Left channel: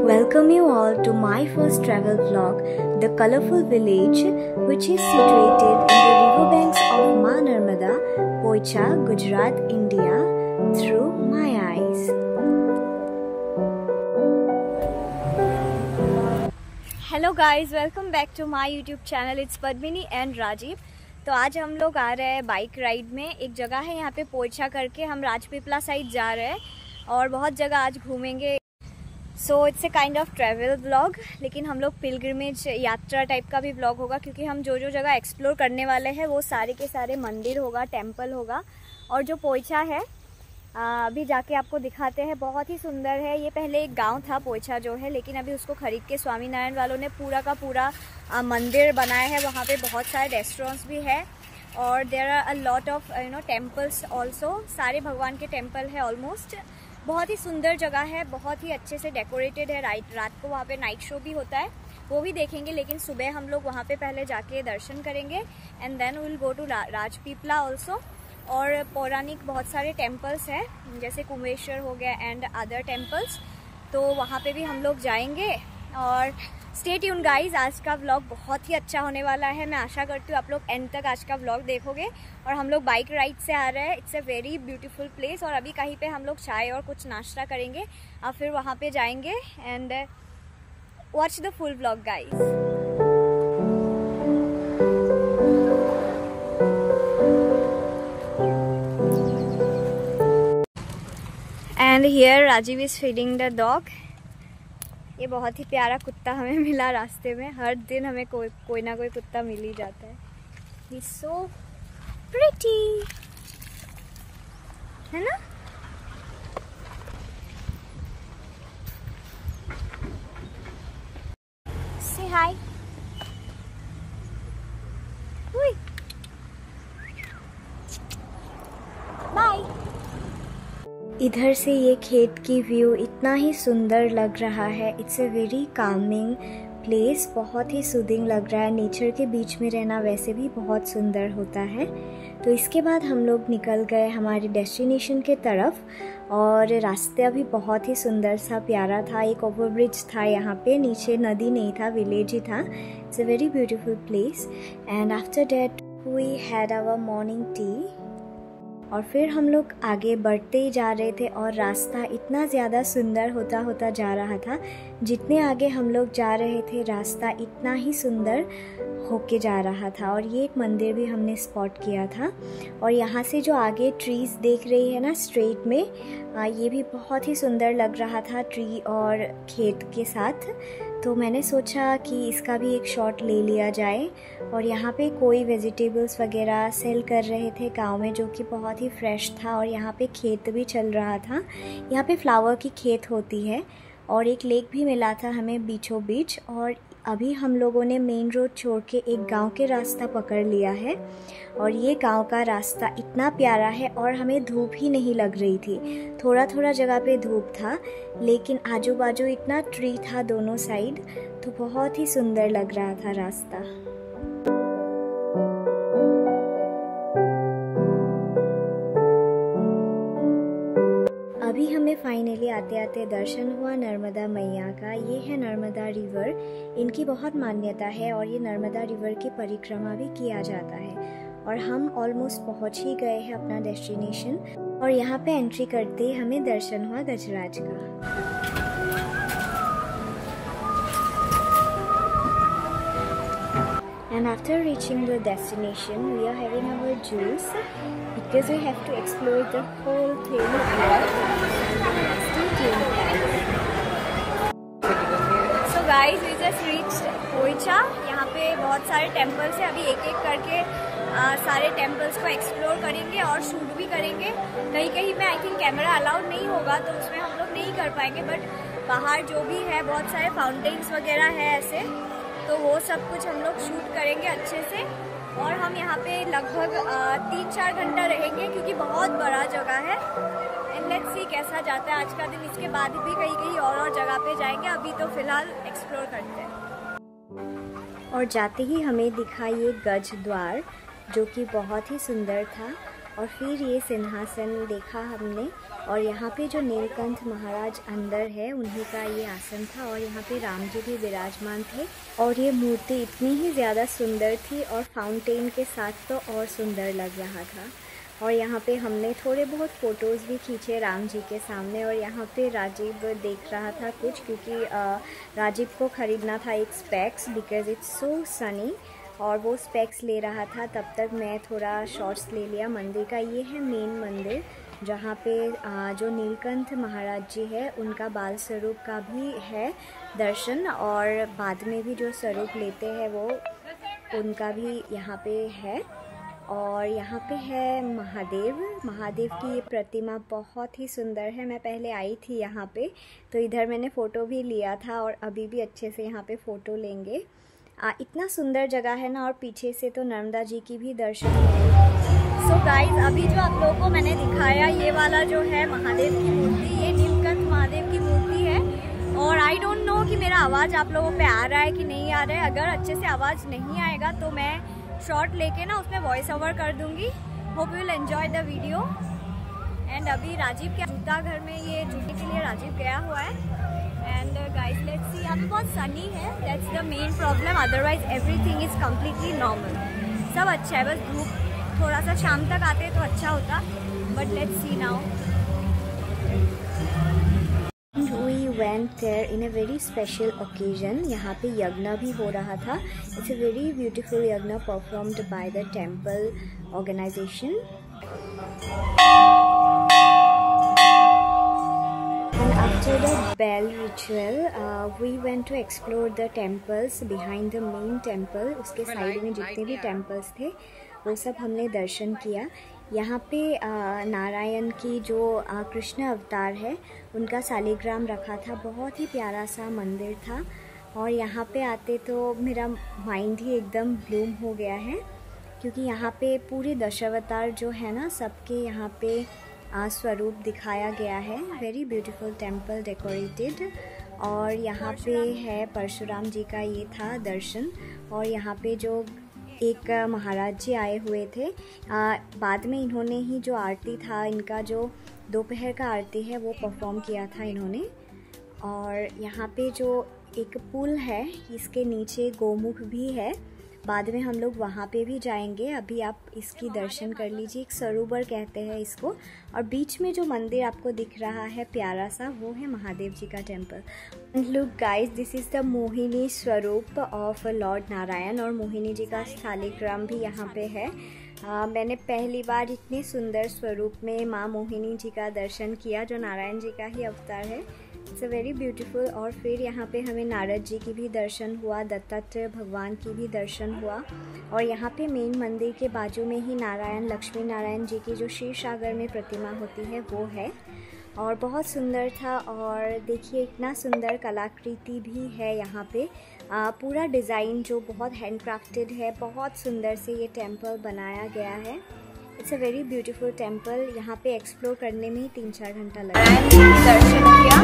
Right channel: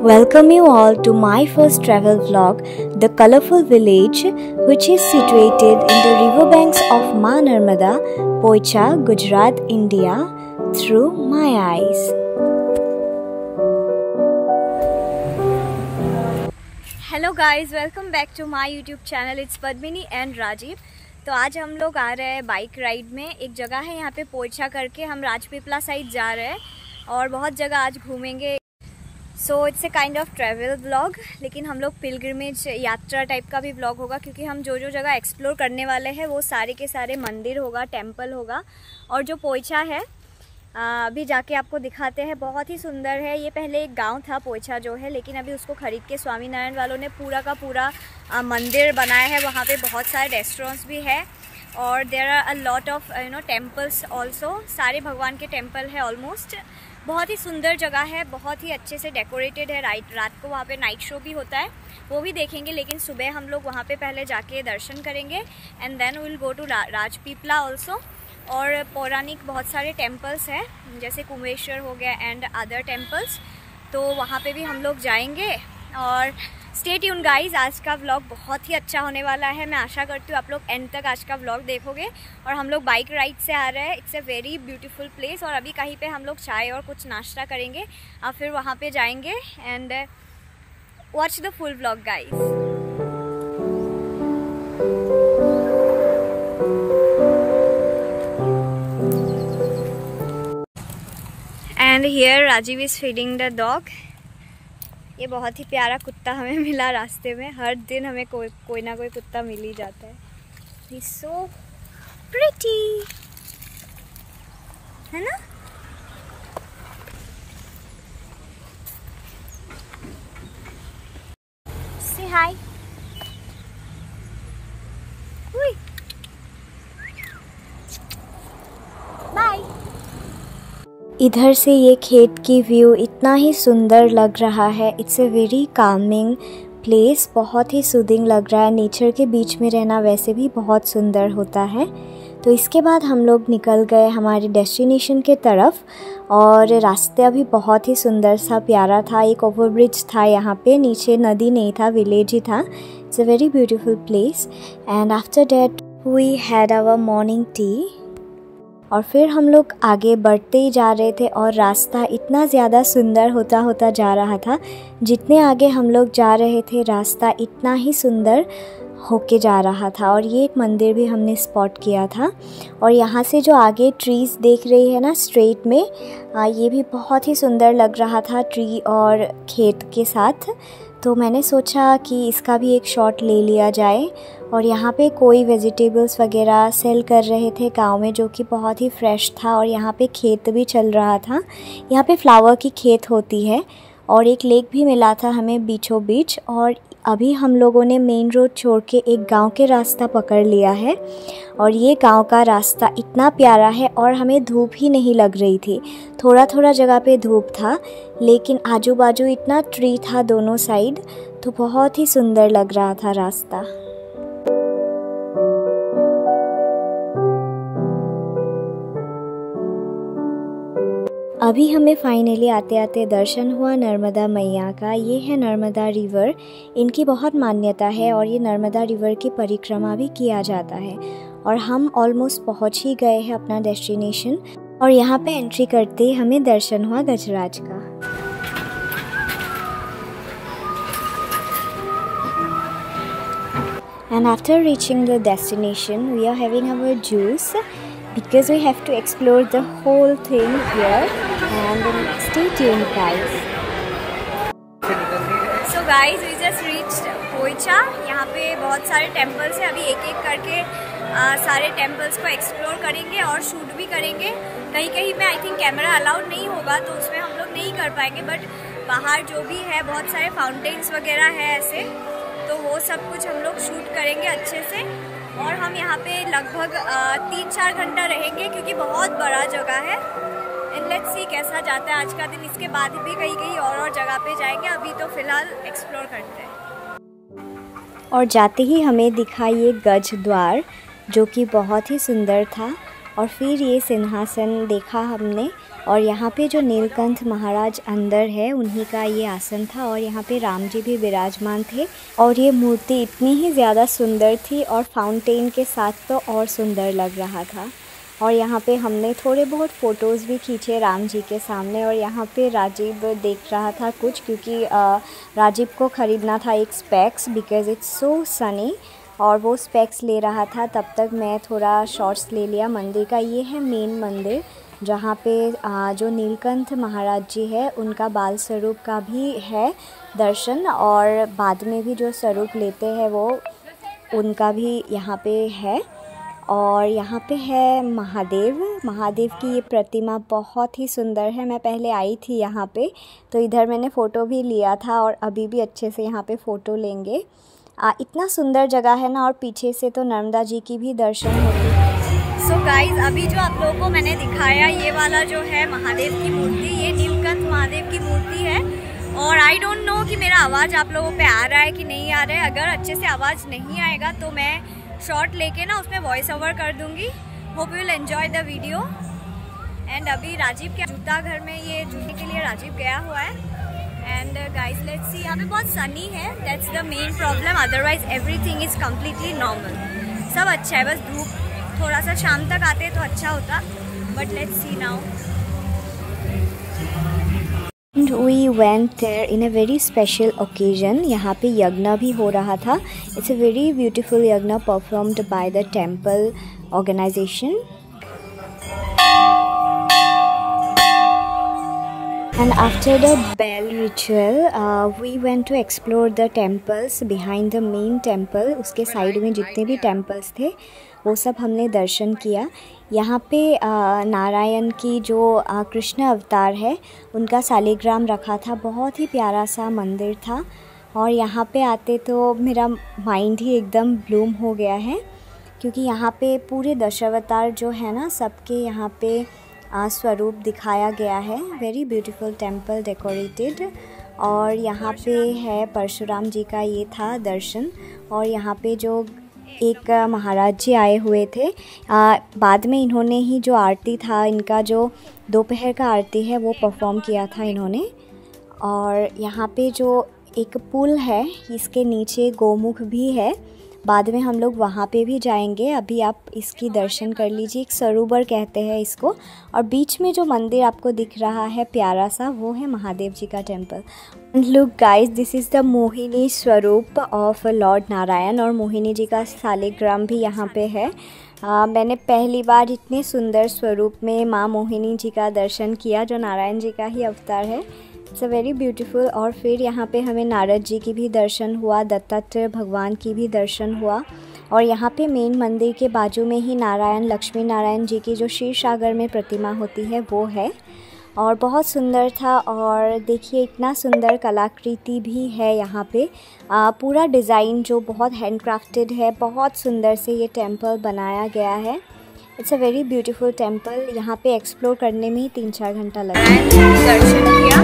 Welcome you all to my first travel vlog, The Colorful Village, which is situated in the riverbanks of Ma Narmada, Poicha, Gujarat, India, through my eyes. Hello guys, welcome back to my YouTube channel. It's Padmini and Rajiv. तो आज हम लोग आ रहे हैं bike ride में। एक जगह है यहाँ पे पोइचा करके, हम राजपीपला साइड जा रहे हैं और बहुत जगह आज घूमेंगे। So it's a kind of travel vlog, लेकिन हम लोग पिलग्रिमेज यात्रा टाइप का भी व्लॉग होगा, क्योंकि हम जो जो जगह एक्सप्लोर करने वाले हैं वो सारे के सारे मंदिर होगा, टेम्पल होगा। और जो पोइचा है अभी जाके आपको दिखाते हैं, बहुत ही सुंदर है। ये पहले एक गांव था पोइचा जो है, लेकिन अभी उसको खरीद के स्वामीनारायण वालों ने पूरा का पूरा मंदिर बनाया है। वहाँ पे बहुत सारे रेस्टोरेंट्स भी है और there are a lot of temples also. सारे भगवान के टेम्पल है ऑलमोस्ट। बहुत ही सुंदर जगह है, बहुत ही अच्छे से डेकोरेटेड है। रात को वहाँ पे नाइट शो भी होता है, वो भी देखेंगे। लेकिन सुबह हम लोग वहाँ पे पहले जाके दर्शन करेंगे and then will go to Rajpipla also. और पौराणिक बहुत सारे टेम्पल्स हैं, जैसे कुम्भेश्वर हो गया एंड अदर टेम्पल्स, तो वहाँ पे भी हम लोग जाएंगे। और स्टे ट्यून गाइज, आज का व्लॉग बहुत ही अच्छा होने वाला है। मैं आशा करती हूँ आप लोग एंड तक आज का व्लॉग देखोगे। और हम लोग बाइक राइड से आ रहे हैं। It's a very beautiful place. और अभी कहीं पे हम लोग चाय और कुछ नाश्ता करेंगे और फिर वहाँ पे जाएंगे। And watch the full vlog guys. And here Rajeev is feeding the dog. ये बहुत ही प्यारा कुत्ता हमें मिला रास्ते में। हर दिन हमें कोई ना कोई कुत्ता मिल ही जाता है। ही सो प्रिटी, है ना? से हाय। बाय। इधर से ये खेत की व्यू इतना ही सुंदर लग रहा है। It's a very calming place, बहुत ही सूदिंग लग रहा है। नेचर के बीच में रहना वैसे भी बहुत सुंदर होता है। तो इसके बाद हम लोग निकल गए हमारे डेस्टिनेशन के तरफ। और रास्ता भी बहुत ही सुंदर सा प्यारा था। एक ओवरब्रिज था यहाँ पे, नीचे नदी नहीं था, विलेज ही था। It's a very beautiful place. And after that we had our morning tea. और फिर हम लोग आगे बढ़ते ही जा रहे थे और रास्ता इतना ज़्यादा सुंदर होता होता जा रहा था। जितने आगे हम लोग जा रहे थे रास्ता इतना ही सुंदर होके जा रहा था। और ये एक मंदिर भी हमने स्पॉट किया था। और यहाँ से जो आगे ट्रीज़ देख रही है ना स्ट्रेट में, ये भी बहुत ही सुंदर लग रहा था ट्री और खेत के साथ। तो मैंने सोचा कि इसका भी एक शॉट ले लिया जाए। और यहाँ पे कोई वेजिटेबल्स वगैरह सेल कर रहे थे गांव में, जो कि बहुत ही फ्रेश था। और यहाँ पे खेत भी चल रहा था। यहाँ पे फ्लावर की खेत होती है। और एक लेक भी मिला था हमें बीचों बीच। और अभी हम लोगों ने मेन रोड छोड़ के एक गांव के रास्ता पकड़ लिया है। और ये गांव का रास्ता इतना प्यारा है और हमें धूप ही नहीं लग रही थी। थोड़ा थोड़ा जगह पे धूप था, लेकिन आजू बाजू इतना ट्री था दोनों साइड, तो बहुत ही सुंदर लग रहा था रास्ता। अभी हमें फाइनली आते आते दर्शन हुआ नर्मदा मैया का। ये है नर्मदा रिवर। इनकी बहुत मान्यता है और ये नर्मदा रिवर की परिक्रमा भी किया जाता है। और हम ऑलमोस्ट पहुंच ही गए हैं अपना डेस्टिनेशन। और यहाँ पे एंट्री करते ही हमें दर्शन हुआ गजराज का। And after reaching the destination, we are having our juice because we have to explore the whole thing here. And stay tuned, guys. So guys, we just reached Poicha. यहाँ पे बहुत सारे टेम्पल्स हैं। अभी एक एक करके सारे टेम्पल्स को एक्सप्लोर करेंगे और शूट भी करेंगे। कहीं कहीं में आई थिंक कैमरा अलाउड नहीं होगा, तो उसमें हम लोग नहीं कर पाएंगे। बट बाहर जो भी है, बहुत सारे फाउंटेन्स वगैरह है ऐसे, तो वो सब कुछ हम लोग शूट करेंगे अच्छे से। और हम यहाँ पे लगभग 3-4 घंटा रहेंगे, क्योंकि बहुत बड़ा जगह है। एंड लेट्स सी कैसा जाता है आज का दिन। इसके बाद भी कहीं कहीं और जगह पे जाएंगे। अभी तो फिलहाल एक्सप्लोर करते हैं। और जाते ही हमें दिखा ये गज द्वार, जो कि बहुत ही सुंदर था। और फिर ये सिंहासन देखा हमने, और यहाँ पे जो नीलकंठ महाराज अंदर है उन्हीं का ये आसन था, और यहाँ पे राम जी भी विराजमान थे। और ये मूर्ति इतनी ही ज़्यादा सुंदर थी और फाउंटेन के साथ तो और सुंदर लग रहा था। और यहाँ पे हमने थोड़े बहुत फ़ोटोज़ भी खींचे राम जी के सामने। और यहाँ पे राजीव देख रहा था कुछ, क्योंकि राजीव को ख़रीदना था एक specs because it's so Sunny, और वो स्पेक्स ले रहा था। तब तक मैं थोड़ा शॉर्ट्स ले लिया मंदिर का। ये है मेन मंदिर जहाँ पे जो नीलकंठ महाराज जी है उनका बाल स्वरूप का भी है दर्शन, और बाद में भी जो स्वरूप लेते हैं वो उनका भी यहाँ पे है। और यहाँ पे है महादेव की ये प्रतिमा बहुत ही सुंदर है। मैं पहले आई थी यहाँ पे तो इधर मैंने फ़ोटो भी लिया था, और अभी भी अच्छे से यहाँ पे फ़ोटो लेंगे। इतना सुंदर जगह है ना, और पीछे से तो नर्मदा जी की भी दर्शन होंगे। सो गाइज, अभी जो आप लोगों को मैंने दिखाया ये वाला जो है महादेव की मूर्ति, ये नीलकंठ महादेव की मूर्ति है। और आई डोंट नो कि मेरा आवाज़ आप लोगों पे आ रहा है कि नहीं आ रहा है। अगर अच्छे से आवाज़ नहीं आएगा तो मैं शॉर्ट लेके ना उसमें वॉइस ओवर कर दूंगी। Hope you will enjoy the video. And अभी राजीव के जूता घर में ये जूते के लिए राजीव गया हुआ है। एंड गाइज लेट्स सी, यहाँ पे बहुत सनी है, that's the main problem, otherwise everything is completely normal. सब अच्छा है, बस धूप थोड़ा सा शाम तक आते तो अच्छा होता, but let's see now. We went there in a very special occasion. यहाँ पे यज्ञ भी हो रहा था। It's a very beautiful यज्ञ performed by the temple organization. And after the bell ritual, we went to explore the temples behind the main temple. उसके side में जितने भी temples थे वो सब हमने दर्शन किया। यहाँ पे नारायण की जो कृष्ण अवतार है उनका शालिग्राम रखा था, बहुत ही प्यारा सा मंदिर था। और यहाँ पे आते तो मेरा माइंड ही एकदम ब्लूम हो गया है, क्योंकि यहाँ पे पूरे दशावतार जो है ना सबके यहाँ पे स्वरूप दिखाया गया है। Very beautiful temple decorated. और यहाँ पे है परशुराम जी का ये था दर्शन। और यहाँ पे जो एक महाराज जी आए हुए थे, बाद में इन्होंने ही जो आरती था, इनका जो दोपहर का आरती है वो परफॉर्म किया था इन्होंने। और यहाँ पे जो एक पुल है इसके नीचे गोमुख भी है, बाद में हम लोग वहाँ पे भी जाएंगे। अभी आप इसकी दर्शन कर लीजिए, एक सरोवर कहते हैं इसको। और बीच में जो मंदिर आपको दिख रहा है प्यारा सा, वो है महादेव जी का temple. Look guys, this is the Mohini स्वरूप ऑफ लॉर्ड नारायण, और मोहिनी जी का शालिग्राम भी यहाँ पे है। मैंने पहली बार इतने सुंदर स्वरूप में माँ मोहिनी जी का दर्शन किया, जो नारायण जी का ही अवतार है। It's a very beautiful. और फिर यहाँ पे हमें नारद जी की भी दर्शन हुआ, दत्तात्रेय भगवान की भी दर्शन हुआ। और यहाँ पे मेन मंदिर के बाजू में ही नारायण लक्ष्मी नारायण जी की जो क्षीर सागर में प्रतिमा होती है वो है, और बहुत सुंदर था। और देखिए इतना सुंदर कलाकृति भी है यहाँ पे, पूरा डिज़ाइन जो बहुत हैंडक्राफ्टेड है, बहुत सुंदर से ये टेम्पल बनाया गया है। It's a very beautiful temple. यहाँ पे एक्सप्लोर करने में ही 3-4 घंटा लगा। नारायण जी की दर्शन किया,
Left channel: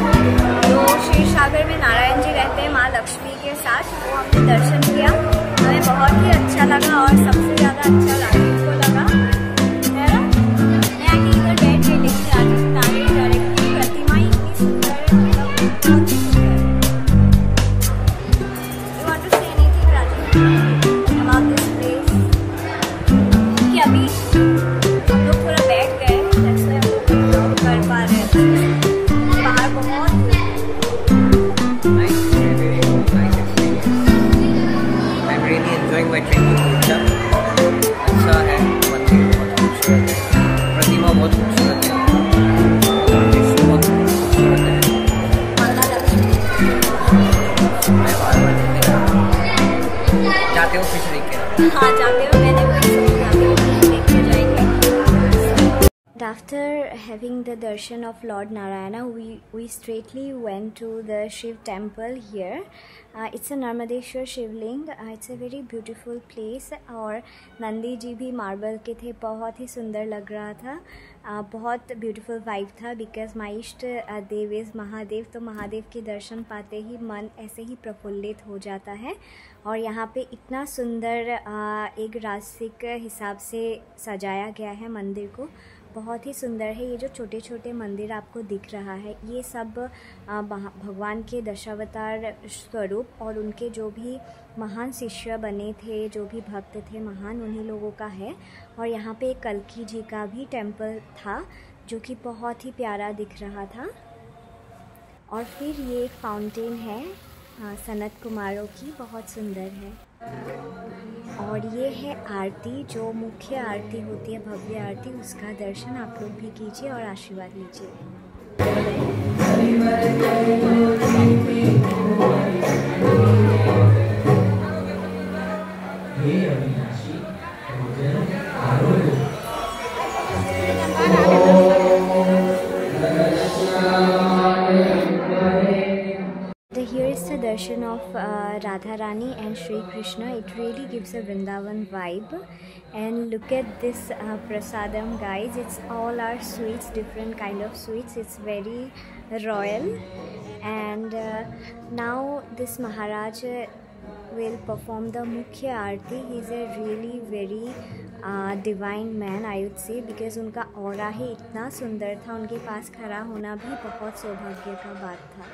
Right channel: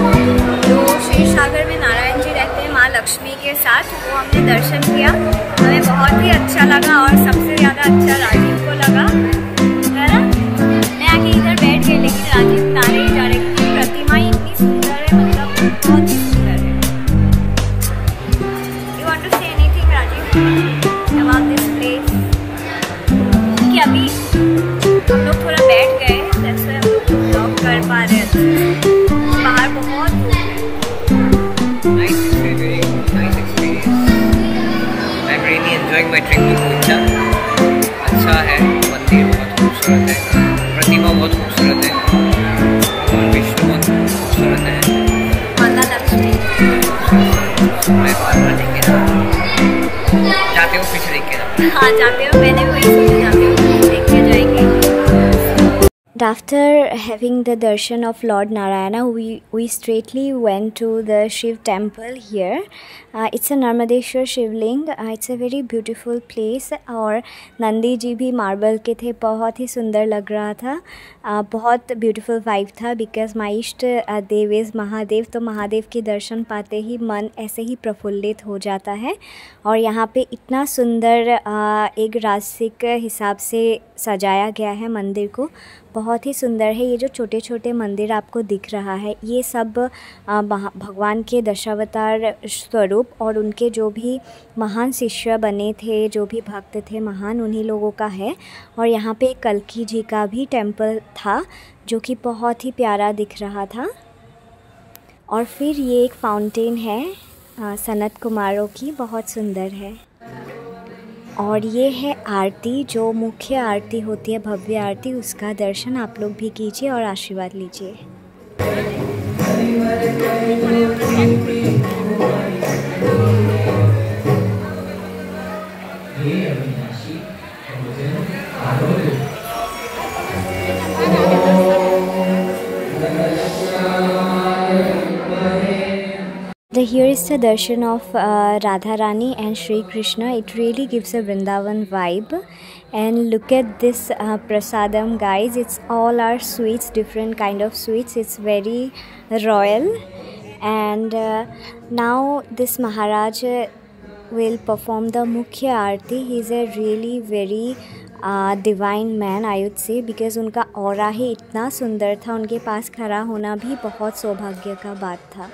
जो क्षीर सागर में नारायण जी रहते हैं माँ लक्ष्मी के साथ, वो हमने दर्शन किया। हमें बहुत ही अच्छा लगा, और सबसे ज़्यादा अच्छा राजीव को लगा, है ना। मैं आके इधर बैठ गई, लेकिन राजीव नारे ही जा रहे, क्योंकि प्रतिमा ही इतनी सुंदर है, मतलब बहुत ही सुंदर है। You want to say anything Rajeev about this place? कि अभी हम लोग थोड़ा बैठ गए, जैसे हम लोग ब्लॉग कर पा रहे हैं। बाहर बहुत अच्छा है, मंदिर बहुत खूबसूरत है, प्रतिमा बहुत खूबसूरत है, भगवान विष्णु बहुत खूबसूरत है, माता लक्ष्मी। मैं बार-बार देखे ना, जाते हो फिर से देख के ना। हाँ जाते हो, मैंने वही सोचा जाते हो देख के जाएंगे। After having the darshan of Lord Narayana, we straightly went to the Shiv temple here. It's a Narmadeshwar Shivling. It's a very beautiful place. और नंदी जी भी मार्बल के थे, बहुत ही सुंदर लग रहा था. बहुत ब्यूटीफुल वाइब था बिकॉज माई इष्ट देव इज़ महादेव. तो महादेव के दर्शन पाते ही मन ऐसे ही प्रफुल्लित हो जाता है. और यहाँ पे इतना सुंदर एक राजसिक हिसाब से सजाया गया है मंदिर को, बहुत ही सुंदर है. ये जो छोटे छोटे मंदिर आपको दिख रहा है, ये सब भगवान के दशावतार स्वरूप और उनके जो भी महान शिष्य बने थे, जो भी भक्त थे महान, उन्हीं लोगों का है. और यहाँ पे कल्की जी का भी टेम्पल था जो कि बहुत ही प्यारा दिख रहा था. और फिर ये एक फाउंटेन है सनत कुमारों की, बहुत सुंदर है. और ये है आरती, जो मुख्य आरती होती है, भव्य आरती, उसका दर्शन आप लोग भी कीजिए और आशीर्वाद लीजिए. Here is the darshan of Radha Rani and Shri Krishna. It really gives a Vrindavan vibe. And look at this prasadam, guys. It's all our sweets, different kind of sweets. It's very royal. And now this Maharaj will perform the Mukhya Aarti. He's a really very divine man, I would say, because उनका aura ही इतना सुंदर था, उनके पास खड़ा होना भी बहुत सौभाग्य का बात था.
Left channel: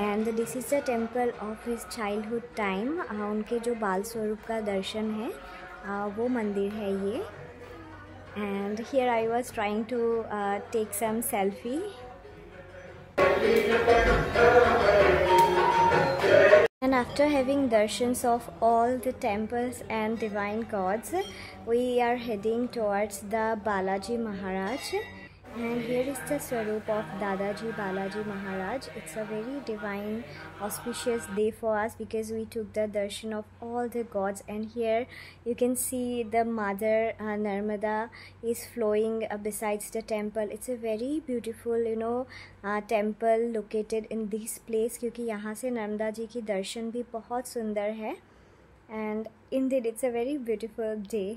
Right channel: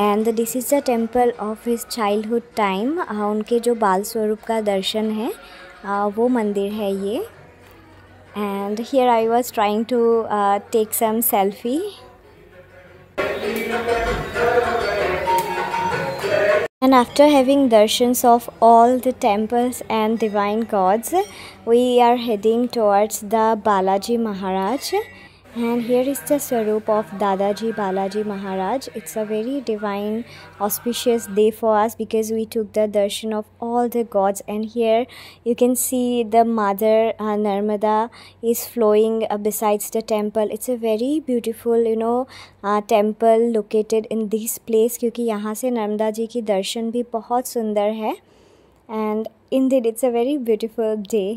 And this is the temple of his childhood time. उनके जो बाल स्वरूप का दर्शन है वो मंदिर है ये. And here I was trying to take some selfie. And after having darshans of all the temples and divine gods, we are heading towards the Balaji Maharaj. And here is the Swarup of Dadaji Balaji Maharaj. It's a very divine, auspicious day for us because we took the darshan of all the gods. And here you can see the mother Narmada is flowing besides the temple. It's a very beautiful, temple located in this place, क्योंकि यहाँ से नर्मदा जी की दर्शन भी बहुत सुंदर है. And indeed it's a very beautiful day.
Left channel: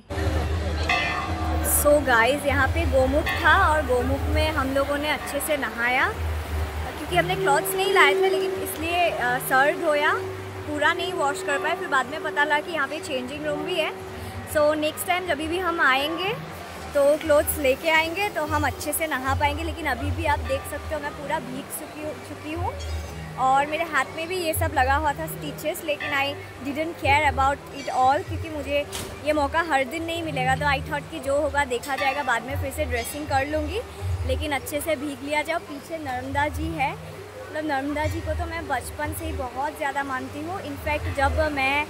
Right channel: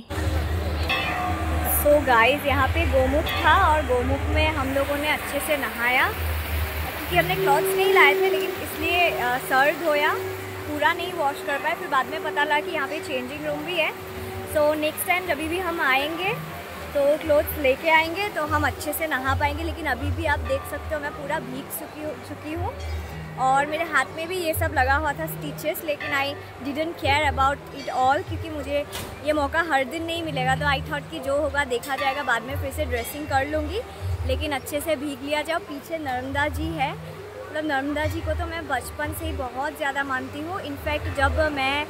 So guys, यहाँ पे गोमुख था और गोमुख में हम लोगों ने अच्छे से नहाया, क्योंकि हमने क्लॉथ्स नहीं लाए थे, लेकिन इसलिए सर धोया, पूरा नहीं वॉश कर पाए. फिर बाद में पता लगा कि यहाँ पे चेंजिंग रूम भी है. सो नेक्स्ट टाइम जब भी हम आएंगे तो क्लॉथ्स लेके आएंगे तो हम अच्छे से नहा पाएंगे. लेकिन अभी भी आप देख सकते हो मैं पूरा भीग चुकी हूँ और मेरे हाथ में भी ये सब लगा हुआ था स्टिचेस, लेकिन I didn't care about it all, क्योंकि मुझे ये मौका हर दिन नहीं मिलेगा. तो आई थॉट कि जो होगा देखा जाएगा, बाद में फिर से ड्रेसिंग कर लूँगी, लेकिन अच्छे से भीग लिया जाओ. पीछे नर्मदा जी है, मतलब नर्मदा जी को तो मैं बचपन से ही बहुत ज़्यादा मानती हूँ. इनफैक्ट जब मैं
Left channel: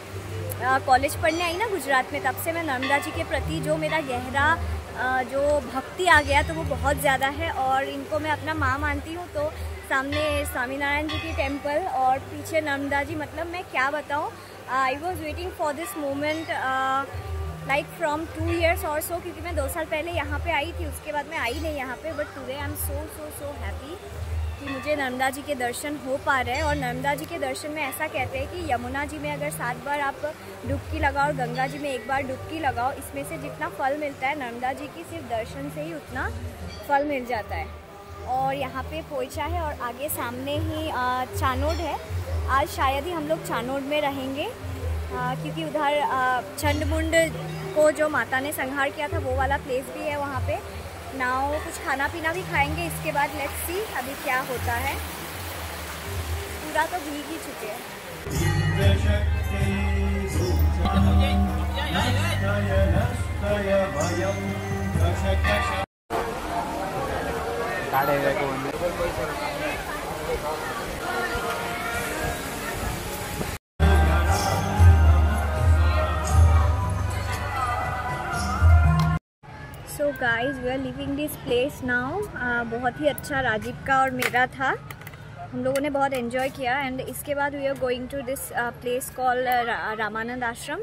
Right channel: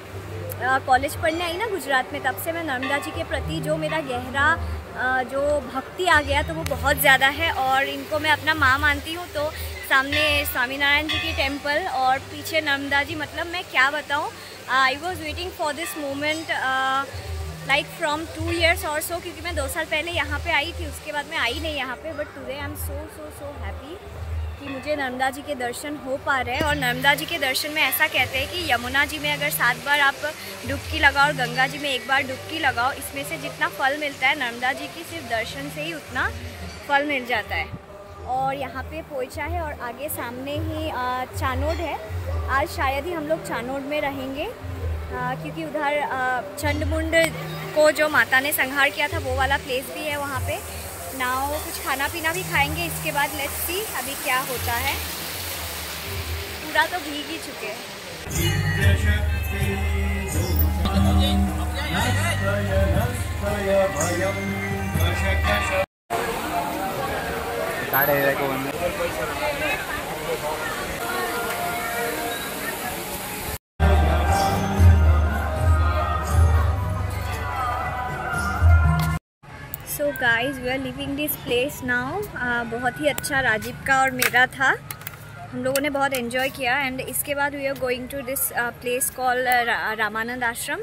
कॉलेज पढ़ने आई ना गुजरात में, तब से मैं नर्मदा जी के प्रति जो मेरा गहरा जो भक्ति आ गया तो वो बहुत ज़्यादा है. और इनको मैं अपना माँ मानती हूँ. तो सामने स्वामीनारायण जी की टेम्पल और पीछे नर्मदा जी, मतलब मैं क्या बताऊँ, I was waiting for this moment like from 2 years और सो, क्योंकि मैं 2 साल पहले यहाँ पे आई थी, उसके बाद मैं आई नहीं यहाँ पे. But today I am so happy कि मुझे नर्मदा जी के दर्शन हो पा रहे हैं. और नर्मदा जी के दर्शन में ऐसा कहते हैं कि यमुना जी में अगर 7 बार आप डुबकी लगाओ और गंगा जी में 1 बार डुबकी लगाओ, इसमें से जितना फल मिलता है नर्मदा जी की सिर्फ दर्शन से ही उतना फल मिल जाता है. और यहाँ पे पोइचा है और आगे सामने ही चानोड है. आज शायद ही हम लोग चानोड में रहेंगे, क्योंकि उधर चंडमुंड को जो माता ने संहार किया था वो वाला प्लेस भी है वहाँ पे. नाउ कुछ खाना पीना भी खाएंगे, इसके बाद लेट्स सी अभी क्या होता है. पूरा तो भीग ही चुके हैं. So guys, we are living this place now. बहुत ही अच्छा राजीव का और मेरा था, हम लोगों ने बहुत एंजॉय किया. एंड इसके बाद we are going to this place call Ramanand Ashram.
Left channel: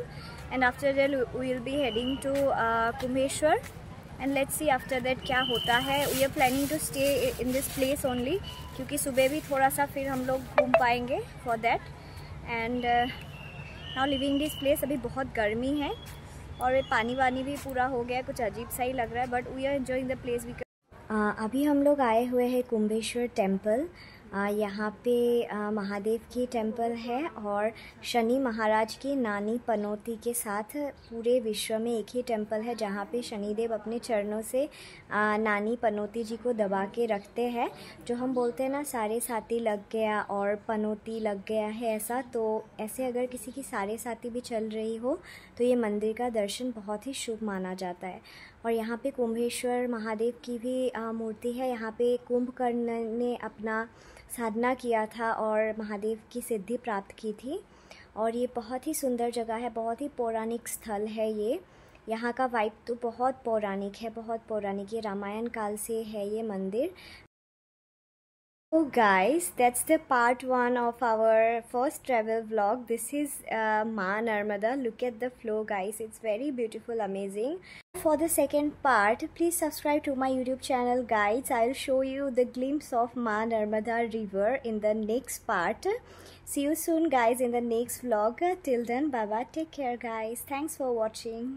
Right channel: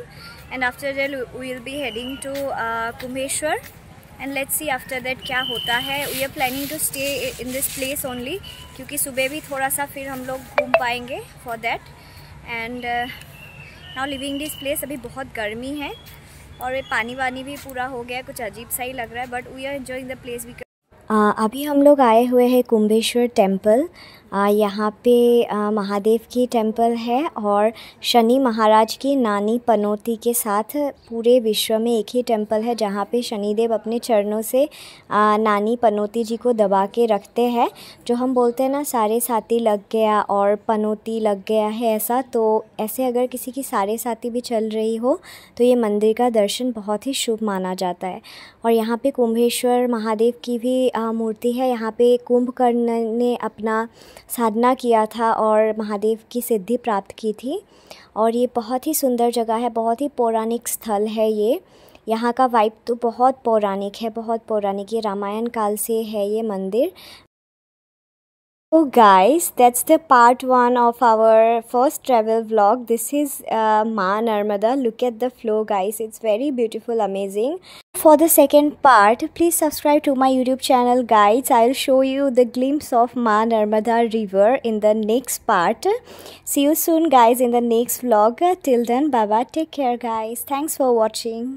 And after that we will be heading to Kumbheshwar. And let's see after that क्या होता है। We are planning to stay in this place only, क्योंकि सुबह भी थोड़ा सा फिर हम लोग घूम पाएंगे for that. And now living this place. अभी बहुत गर्मी है और ये पानी वानी भी पूरा हो गया है, कुछ अजीब सा ही लग रहा है, but we are enjoying the place. अभी हम लोग आए हुए हैं कुंभेश्वर टेम्पल। यहाँ पे महादेव की टेम्पल है और शनि महाराज की नानी पनौती के साथ पूरे विश्व में एक ही टेम्पल है जहाँ पे शनिदेव अपने चरणों से नानी पनौती जी को दबा के रखते हैं। जो हम बोलते हैं ना, सारे साथी लग गया और पनौती लग गया है, ऐसा। तो ऐसे अगर किसी की सारे साथी भी चल रही हो तो ये मंदिर का दर्शन बहुत ही शुभ माना जाता है। और यहाँ पे कुंभेश्वर महादेव की भी मूर्ति है। यहाँ पे कुंभकर्ण ने अपना साधना किया था और महादेव की सिद्धि प्राप्त की थी। और ये बहुत ही सुंदर जगह है, बहुत ही पौराणिक स्थल है ये। यहाँ का वाइब तो बहुत पौराणिक है, बहुत पौराणिक। ये रामायण काल से है ये मंदिर। So guys, that's the part 1 of our first travel vlog. This is Maa Narmada. Look at the flow guys, it's very beautiful, amazing. For the second part, please subscribe to my YouTube channel guys. I'll show you the glimpse of Maa Narmada river in the next part. See you soon guys in the next vlog. Till then, bye bye, take care guys. Thanks for watching.